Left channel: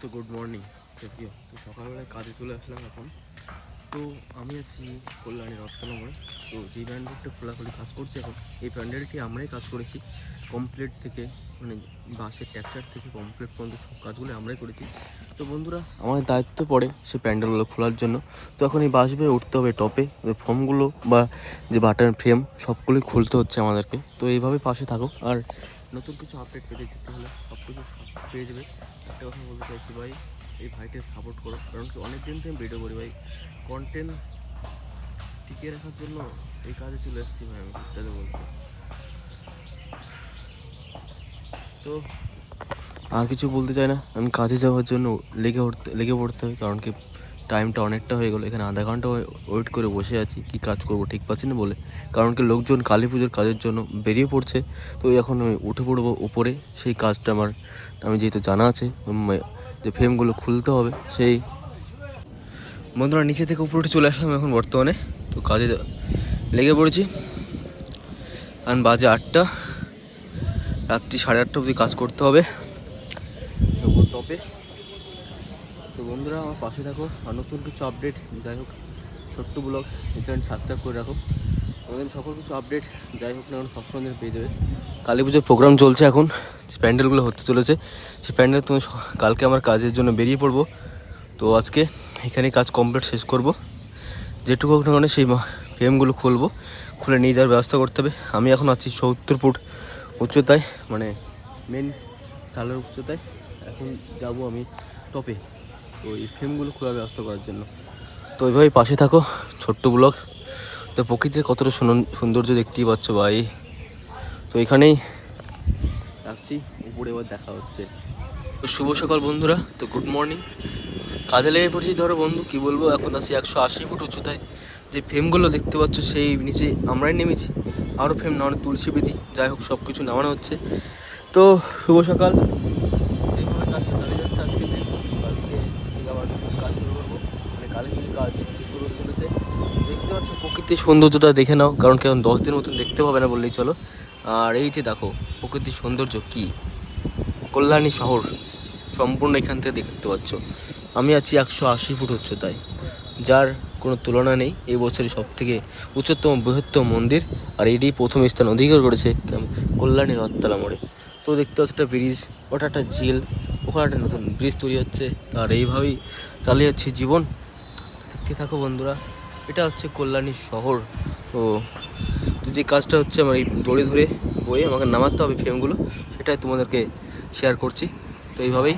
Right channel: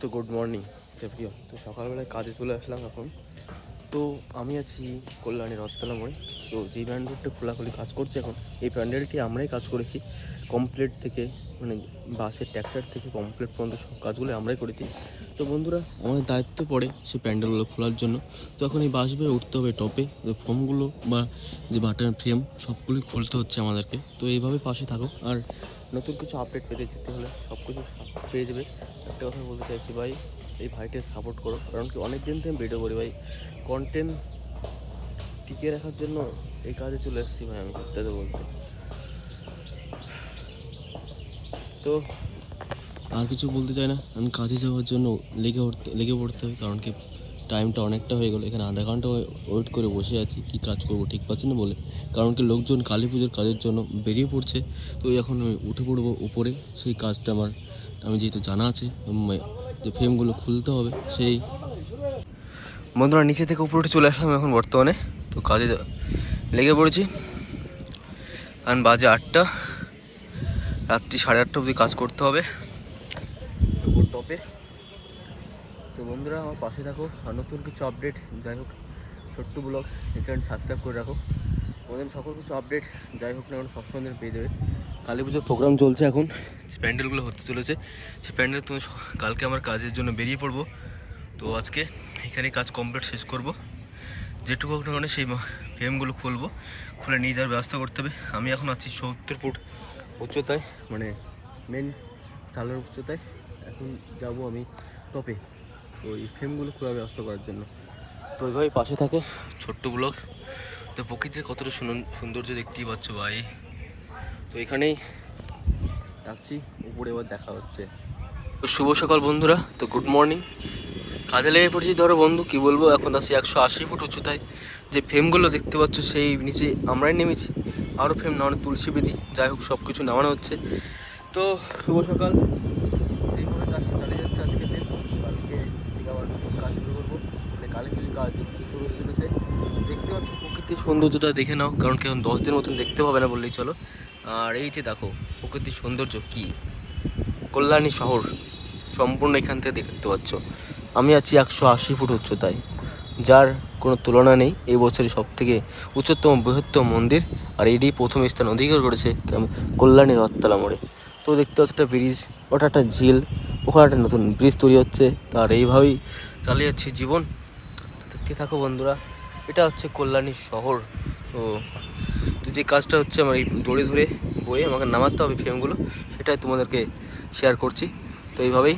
তো good morning প্রিয়। তো সকালবেলায় কাজে চলে আসলাম এখন। তো আমি আছি কল্যাণী রথতলা মোড়ে। তো যেই প্যান্ডেলটা খোলাখুলি কাজ করছে এখন, এই প্যান্ডেলটি আমরাই কাজ করেছি কমপ্লিট থেকে, মানে বাসের ট্যাক্সার থেকে কমপ্লিট পর্যন্ত সব কাজগুলো আমরাই করেছি। তো বন্ধুরা, আমাদের দায়িত্ব পড়ে সে প্যান্ডেলগুলো খোলার জন্য। তো এখন এই বাস বেয়ে উঠতে হবে টপে, যে ফর্মগুলো বা যে বাটন ফ্রেম সবগুলোই খুলতে হচ্ছে আমাদেরকে। তো এইভাবে পাশে থাকো, আর নতুন কিছু আপডেট পেতে যেতে হলে সব কিছু পেয়ে যাবে। একটা কথা বলতে চাইছি ভাই, এই ভাইটাকে সাপোর্ট করো, কারণ কি অনেক দিন থেকে ভিডিও করি ভাই, কন্টেন্ট টিকিয়ে রাখার জন্য এই কাজে চলে এসেছি ভাই আমি সত্যি বলতে। তো আর কিছু বলতে চাই না, আমি কাজে যাওয়ার জন্য লেগে পড়তে হবে, কারণ কি টাইমটা অনেকটা হয়ে গেলো। এখানে আধা ঘন্টা ওয়েট করে বসে আছি, কি কাজ করব ঠিক পাচ্ছি না বলে, কারণ কি লোকজন কালী পুজোর কাজের জন্য বেরিয়ে পড়ছে। তো এখন আমি উঠে পড়বো উপরে, সেই কাজটা আমি যেহেতু জানা আছে যে ফ্রেমগুলো খুলতে হবে, সেই বন্ধুরা নিচে থেকে উপরে উঠে চলে আসলাম এখন বর্তমানে। তো কাজে লেগে পড়েছি, এখন বাজে 8টা, রাত্রি 8:30 অবধি কাজ করতে হবে উপর টপে। তো বন্ধুরা আমার পাশে থাকো, আর নতুন কিছু আপডেট, যাই হোক ছোট্ট ব্লগ এই চ্যানেল সাবস্ক্রাইব করে রাখো। আমাদের সকল কিছু আপডেট যাই হোক না কারণ সবসময় পেয়ে যাবে। কালী পুজোর প্রোগ্রাম চলছে এখন, যে প্যান্ডেলগুলো হতে চলেছে, সেই প্যান্ডেল তুমি কালকে আমার কাজের জন্য বেরিয়ে পড়বো। তো আজকে এখানেই কাজ কমপ্লিট শেষ করব, যেটুকু হোক না মানে সেই ফ্রেমগুলো খুলে নিয়ে যাওয়ার ব্যবস্থা করতে হবে। আমি এখন আছি 70 ফুট উচ্চতায়, মানে মেন চালের উচ্চতায়। এখন যাব আমি টপে ওই ফ্রেমগুলো খোলার ব্যবস্থা করার জন্য। তো ওইভাবেই পাশে থাকো, ছোট্ট ব্লগ। তো প্রকৃতির কতটা সৌন্দর্য দেখতেই পাচ্ছ ভাই। তো এখানেই রাখছি, উপরে এবার দেখা হচ্ছে। তো শুভ সকাল বন্ধুরা, তো গুড মর্নিং। কাজে লেগে পড়েছি ধরো বন্ধু, কি বলবো, এখন আছি 180 ফুট উচ্চতায়। যে ফ্রেমগুলো দেখতে পাচ্ছ সেই নিচে আমরাই নেমেছি, আরও ফ্রেম নামানো, তুলসী বেদি, যাই হোক সব কিছু নামানো হচ্ছে। তো শুভ সকাল, এইভাবে কাজটা চালিয়ে যাচ্ছে আজকের দিন। কালকে থেকে আবার নতুন কাজ শুরু করবো, মানে কালী পুজোর কাজ শুরু হতে চলেছে। দেখতে পাচ্ছ প্রকৃতির সৌন্দর্যটা দেখে নাও, কারণ কি এখন 10 দিন মতন দেখতে পাবে না বললেই চলো। আর এই যে দেখো প্রকৃতির সৌন্দর্য, কি কল্যাণী শহর সম্পূর্ণ এখান থেকে দেখতে পাচ্ছ। আমি আছি 180 ফুট উচ্চতায়, যার কোনো তুলনা নেই। এই বছরের সব থেকে উচ্চতম বৃহত্তম মন্দির, আর এটি প্রথম স্থান অধিকার করেছে কল্যাণী রথতলা মোড়ে। তো দেখতে পাচ্ছ একটা ব্রিজ, ওটা একটা ঝিল, ওখানে একটা নতুন ব্রিজ তৈরি হচ্ছে। তার এইভাবেই চালিয়ে যাচ্ছি জীবন। দেখতে থাকো বন্ধুরা, এটা হচ্ছে কল্যাণী শহর। তো যে কাজটা হচ্ছে আমার এই দড়ি ধরে বয়ে আমাকে নামাতে হবে ফ্রেমগুলো, সেটাই তোমাদেরকে শেয়ার করছি। তো এইভাবেই